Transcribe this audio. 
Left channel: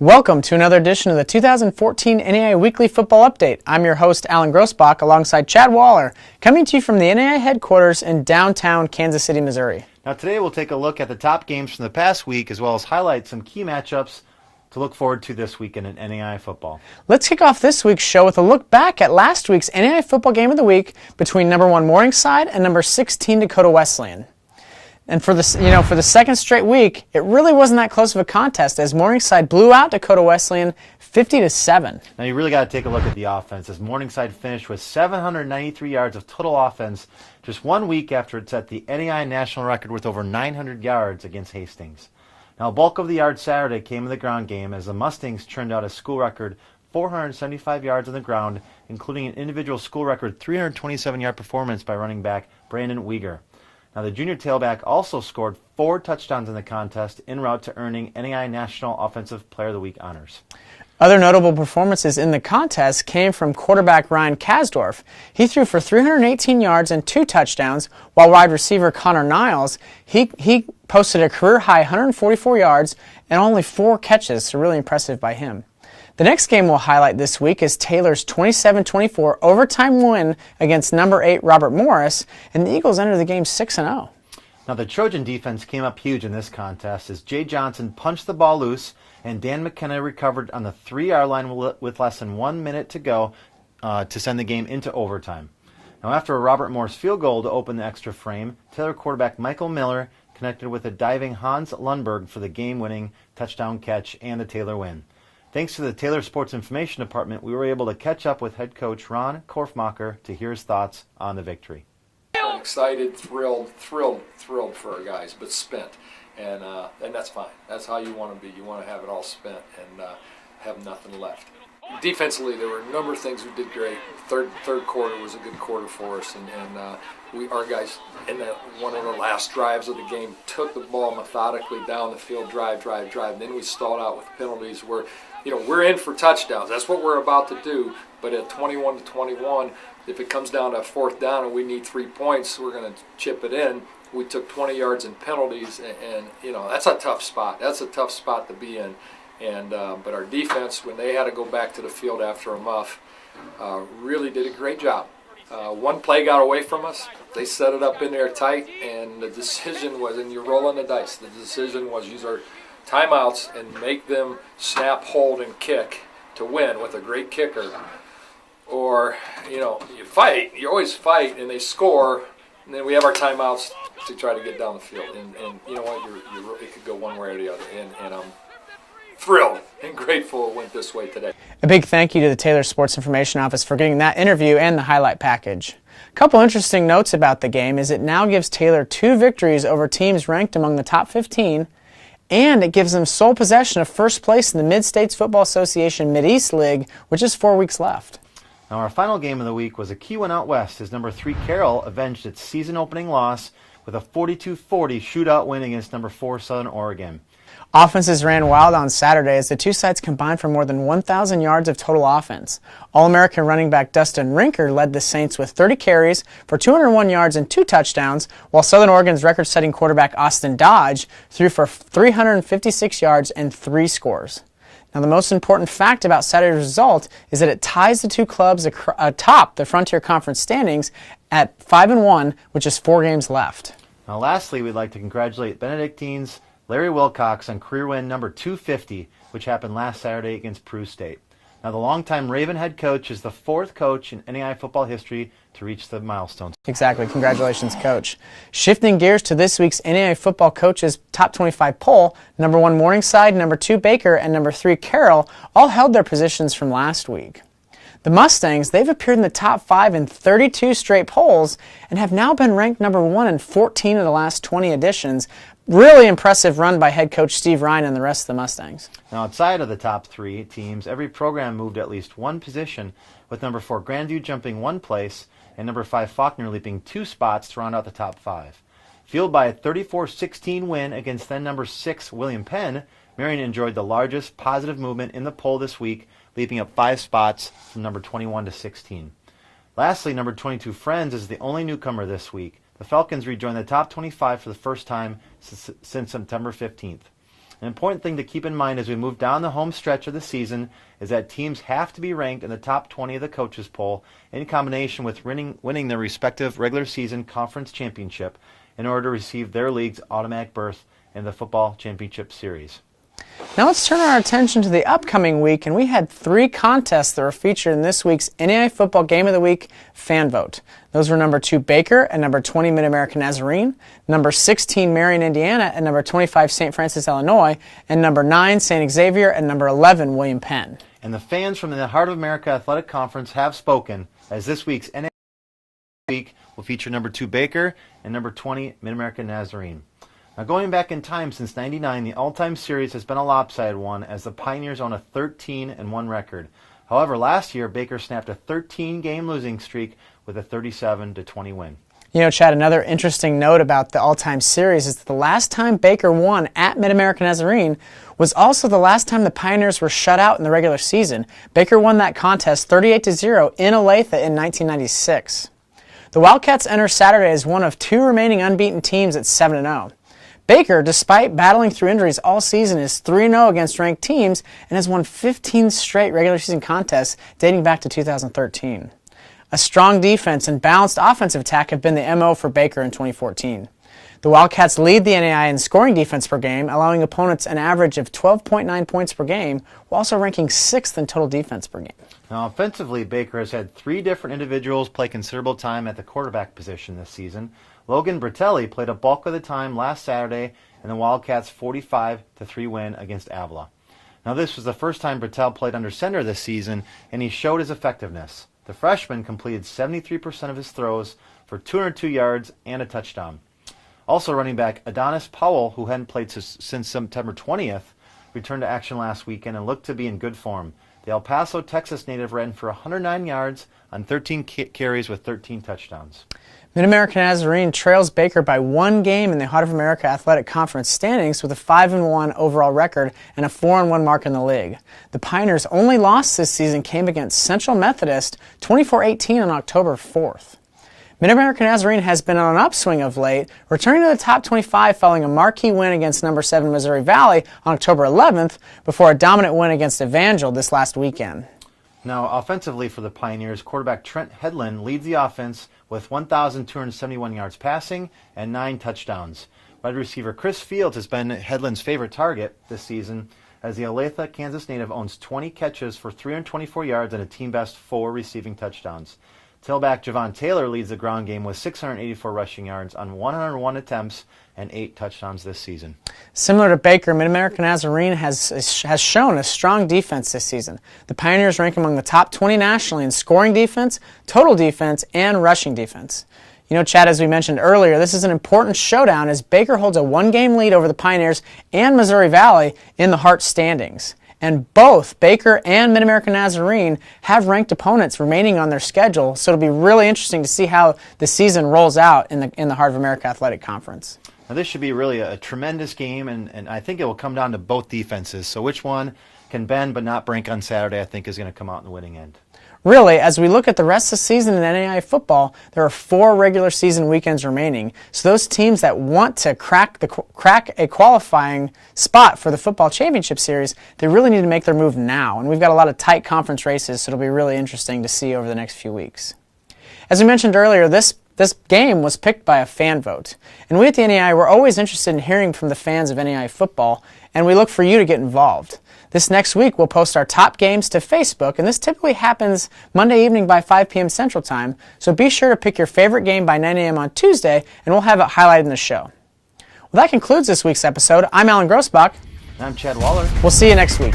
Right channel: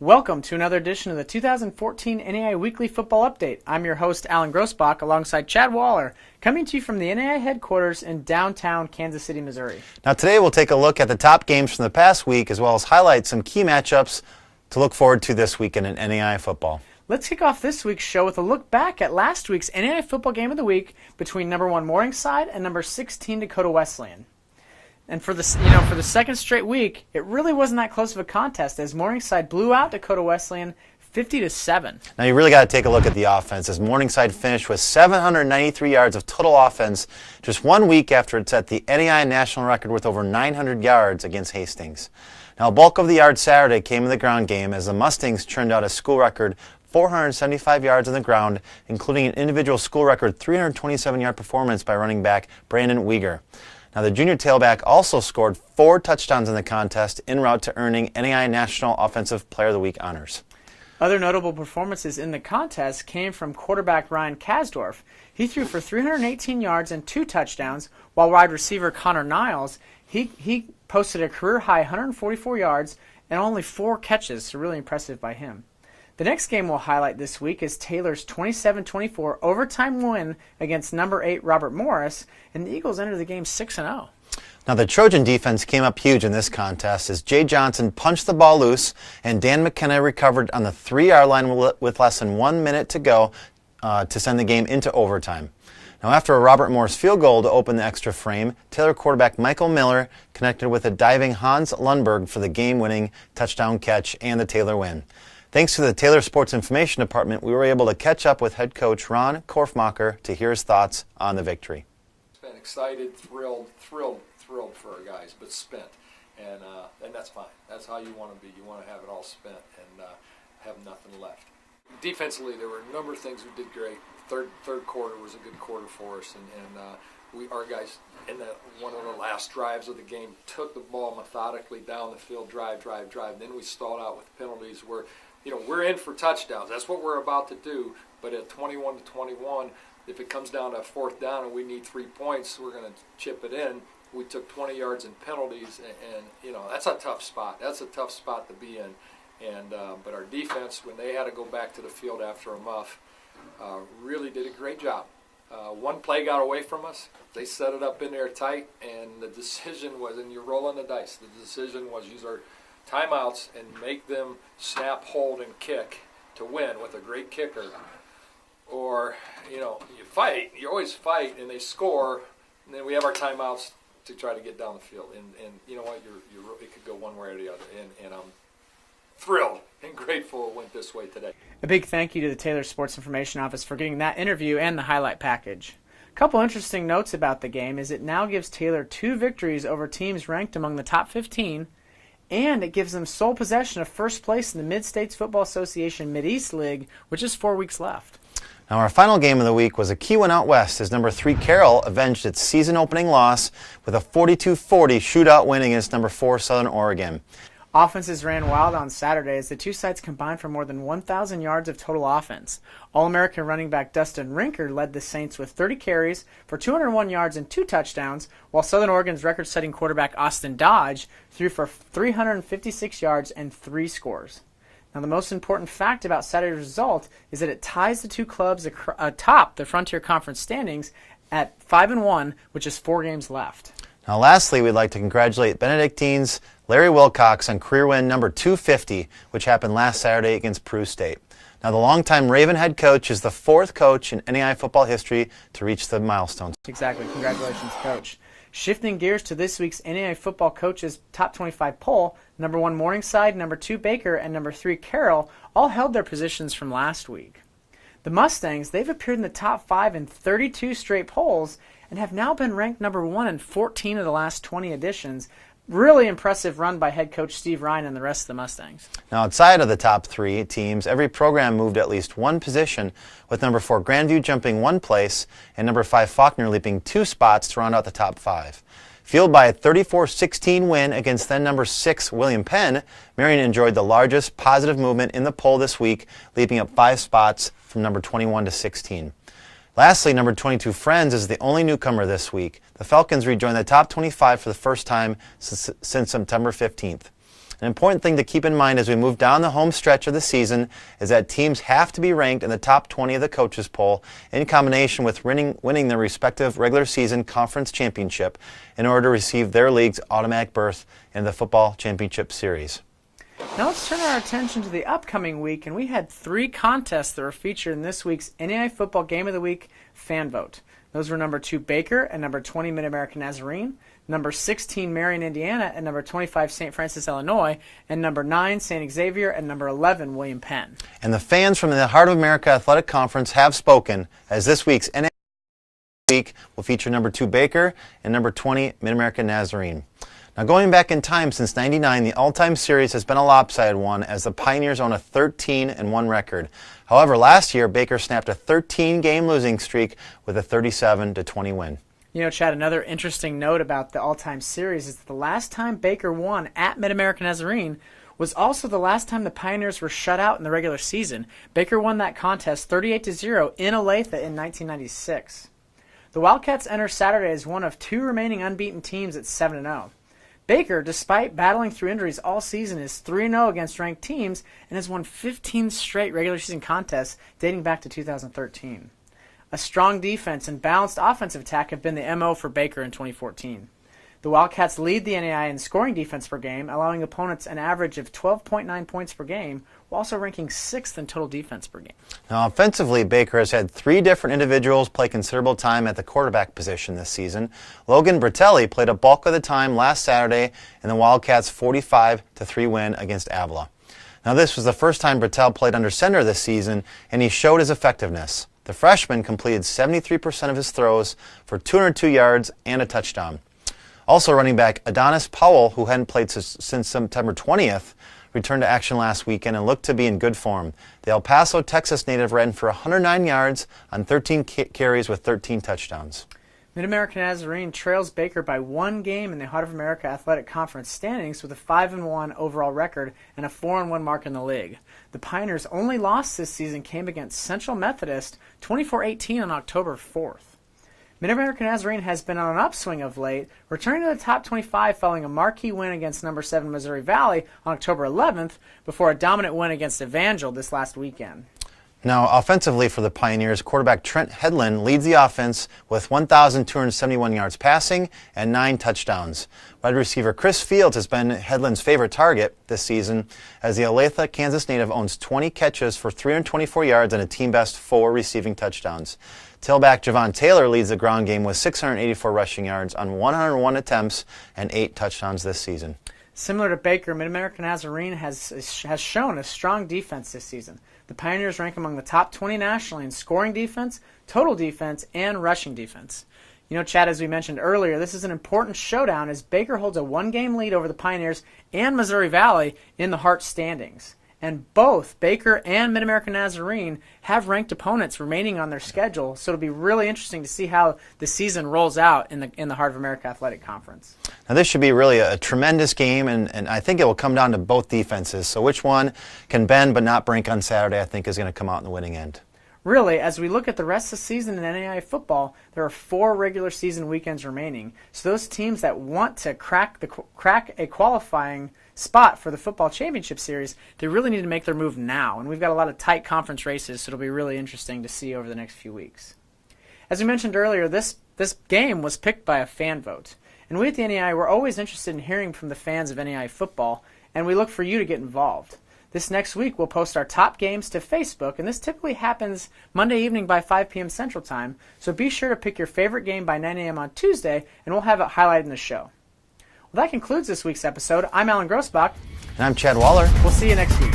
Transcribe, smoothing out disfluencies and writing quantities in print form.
Welcome to another edition of the 2014 NAIA Weekly Football Update. I'm your host, Alan Grossbach, alongside Chad Waller, coming to you from the NAIA headquarters in downtown Kansas City, Missouri. Now today we'll take a look at the top games from the past week, as well as highlight some key matchups to look forward to this weekend in NAIA football. Let's kick off this week's show with a look back at last week's NAIA football game of the week between number 1 Morningside and number 16 Dakota Wesleyan. And for the second straight week, it really wasn't that close of a contest as Morningside blew out Dakota Wesleyan 50-7. Now you really got to take a look at the offense, as Morningside finished with 793 yards of total offense just 1 week after it set the NAIA national record with over 900 yards against Hastings. Now a bulk of the yards Saturday came in the ground game as the Mustangs churned out a school record 475 yards on the ground, including an individual school record 327-yard performance by running back Brandon Weegar. Now the junior tailback also scored 4 touchdowns in the contest en route to earning NAIA National Offensive Player of the Week honors. Other notable performances in the contest came from quarterback Ryan Kasdorf. He threw for 318 yards and 2 touchdowns, while wide receiver Connor Niles, he posted a career-high 144 yards and only 4 catches, so really impressive by him. The next game we'll highlight this week is Taylor's 27-24 overtime win against number 8 Robert Morris, and the Eagles entered the game 6-0. Now the Trojan defense came up huge in this contest as Jay Johnson punched the ball loose and Dan McKenna recovered on the 3-yard line with less than 1 minute to go to send the game into overtime. Now after a Robert Morris field goal to open the extra frame, Taylor quarterback Michael Miller connected with a diving Hans Lundberg for the game-winning touchdown catch and the Taylor win. Thanks to the Taylor Sports Information Department, we were able to catch up with head coach Ron Korfmacher to hear his thoughts on the victory. Excited, thrilled for our guys, but spent, and that's fine. That's how you want to be. You want to have it all spent and have nothing left. Defensively, there were a number of things we did great. Third quarter was a good quarter for us, and our guys in one of the last drives of the game took the ball methodically down the field, drive. Then we stalled out with penalties where, we're in for touchdowns. That's what we're about to do. But at 21-21, if it comes down to 4th down and we need 3 points, we're going to chip it in. We took 20 yards in penalties, and that's a tough spot. That's a tough spot to be in. But our defense, when they had to go back to the field after a muff, really did a great job. One play got away from us. They set it up in there tight, and the decision was, and you're rolling the dice, the decision was use our timeouts and make them snap, hold, and kick to win with a great kicker. Or, you fight. You always fight, and they score, and then we have our timeouts to try to get down the field. And you know what? It could go one way or the other. And I'm thrilled and grateful it went this way today. A big thank you to the Taylor Sports Information Office for getting that interview and the highlight package. A couple interesting notes about the game is it now gives Taylor 2 victories over teams ranked among the top 15, and it gives them sole possession of first place in the Mid-States Football Association Mid-East League, which is 4 weeks left. Now our final game of the week was a key one out west as number 3 Carroll avenged its season-opening loss with a 42-40 shootout win against number 4 Southern Oregon. Offenses ran wild on Saturday as the two sides combined for more than 1,000 yards of total offense. All-American running back Dustin Rinker led the Saints with 30 carries for 201 yards and 2 touchdowns, while Southern Oregon's record-setting quarterback Austin Dodge threw for 356 yards and 3 scores. Now the most important fact about Saturday's result is that it ties the two clubs atop the Frontier Conference standings at 5-1, which is 4 games left. Now lastly, we'd like to congratulate Benedictine's Larry Wilcox on career win number 250, which happened last Saturday against Peru State. Now the longtime Raven head coach is the 4th coach in NAIA football history to reach the milestone. Exactly. Congratulations, Coach. Shifting gears to this week's NAIA football coaches top 25 poll, number 1 Morningside, number 2 Baker, and number 3 Carroll all held their positions from last week. The Mustangs, they've appeared in the top 5 in 32 straight polls and have now been ranked number 1 in 14 of the last 20 editions. Really impressive run by head coach Steve Ryan and the rest of the Mustangs. Now outside of the top 3 teams, every program moved at least 1 position, with number 4 Grandview jumping 1 place and number 5 Faulkner leaping 2 spots to round out the top 5. Fueled by a 34-16 win against then number 6 William Penn, Marion enjoyed the largest positive movement in the poll this week, leaping up 5 spots from number 21 to 16. Lastly, number 22 Friends is the only newcomer this week. The Falcons rejoined the top 25 for the first time since September 15th. An important thing to keep in mind as we move down the home stretch of the season is that teams have to be ranked in the top 20 of the coaches poll in combination with winning their respective regular season conference championship in order to receive their league's automatic berth in the football championship series. Now let's turn our attention to the upcoming week, and we had 3 contests that were featured in this week's NAIA Football Game of the Week fan vote. Those were number 2 Baker and number 20 Mid-American Nazarene, number 16 Marion, Indiana, and number 25 St. Francis, Illinois, and number 9 St. Xavier, and number 11 William Penn. And the fans from the Heart of America Athletic Conference have spoken, as this week's NAIA Week will feature number 2 Baker and number 20 Mid-American Nazarene. Now, going back in time since '99, the all-time series has been a lopsided one as the Pioneers own a 13-1 record. However, last year, Baker snapped a 13-game losing streak with a 37-20 win. You know, Chad, another interesting note about the all-time series is that the last time Baker won at Mid-American Nazarene was also the last time the Pioneers were shut out in the regular season. Baker won that contest 38-0 in Olathe in 1996. The Wildcats enter Saturday as one of 2 remaining unbeaten teams at 7-0. Baker, despite battling through injuries all season, is 3-0 against ranked teams and has won 15 straight regular season contests dating back to 2013. A strong defense and balanced offensive attack have been the MO for Baker in 2014. The Wildcats lead the NAIA in scoring defense per game, allowing opponents an average of 12.9 points per game, while also ranking 6th in total defense per game. Now, offensively, Baker has had 3 different individuals play considerable time at the quarterback position this season. Logan Bertelli played a bulk of the time last Saturday in the Wildcats' 45-3 win against Avila. Now, this was the first time Bertel played under center this season, and he showed his effectiveness. The freshman completed 73% of his throws for 202 yards and a touchdown. Also, running back Adonis Powell, who hadn't played since September 20th, returned to action last weekend and looked to be in good form. The El Paso, Texas native ran for 109 yards on 13 carries with 13 touchdowns. Mid-American Nazarene trails Baker by 1 game in the Heart of America Athletic Conference standings with a 5-1 overall record and a 4-1 mark in the league. The Pioneers' only loss this season came against Central Methodist 24-18 on October 4th. Mid-American Nazarene has been on an upswing of late, returning to the top 25 following a marquee win against number 7 Missouri Valley on October 11th before a dominant win against Evangel this last weekend. Now, offensively for the Pioneers, quarterback Trent Hedlund leads the offense with 1,271 yards passing and 9 touchdowns. Wide receiver Chris Fields has been Hedlund's favorite target this season, as the Olathe, Kansas native owns 20 catches for 324 yards and a team-best 4 receiving touchdowns. Tailback Javon Taylor leads the ground game with 684 rushing yards on 101 attempts and 8 touchdowns this season. Similar to Baker, Mid-American Nazarene has shown a strong defense this season. The Pioneers rank among the top 20 nationally in scoring defense, total defense, and rushing defense. You know, Chad, as we mentioned earlier, this is an important showdown as Baker holds a 1-game lead over the Pioneers and Missouri Valley in the Hart standings. And both Baker and Mid-American Nazarene have ranked opponents remaining on their schedule, so it'll be really interesting to see how the season rolls out in the Heart of America Athletic Conference. Now, this should be really a tremendous game, and I think it will come down to both defenses. So which one can bend but not break on Saturday, I think, is going to come out in the winning end. Really, as we look at the rest of the season in NAIA football, there are 4 regular season weekends remaining. So those teams that want to crack a qualifying spot for the football championship series, they really need to make their move now. And we've got a lot of tight conference races, so it'll be really interesting to see over the next few weeks. As we mentioned earlier, this game was picked by a fan vote. And we at the NAIA, we're always interested in hearing from the fans of NAIA football, and we look for you to get involved. This next week, we'll post our top games to Facebook, and this typically happens Monday evening by 5 p.m. Central Time, so be sure to pick your favorite game by 9 a.m. on Tuesday, and we'll have it highlighted in the show. Well, that concludes this week's episode. I'm Alan Grossbach. And I'm Chad Waller. We'll see you next week.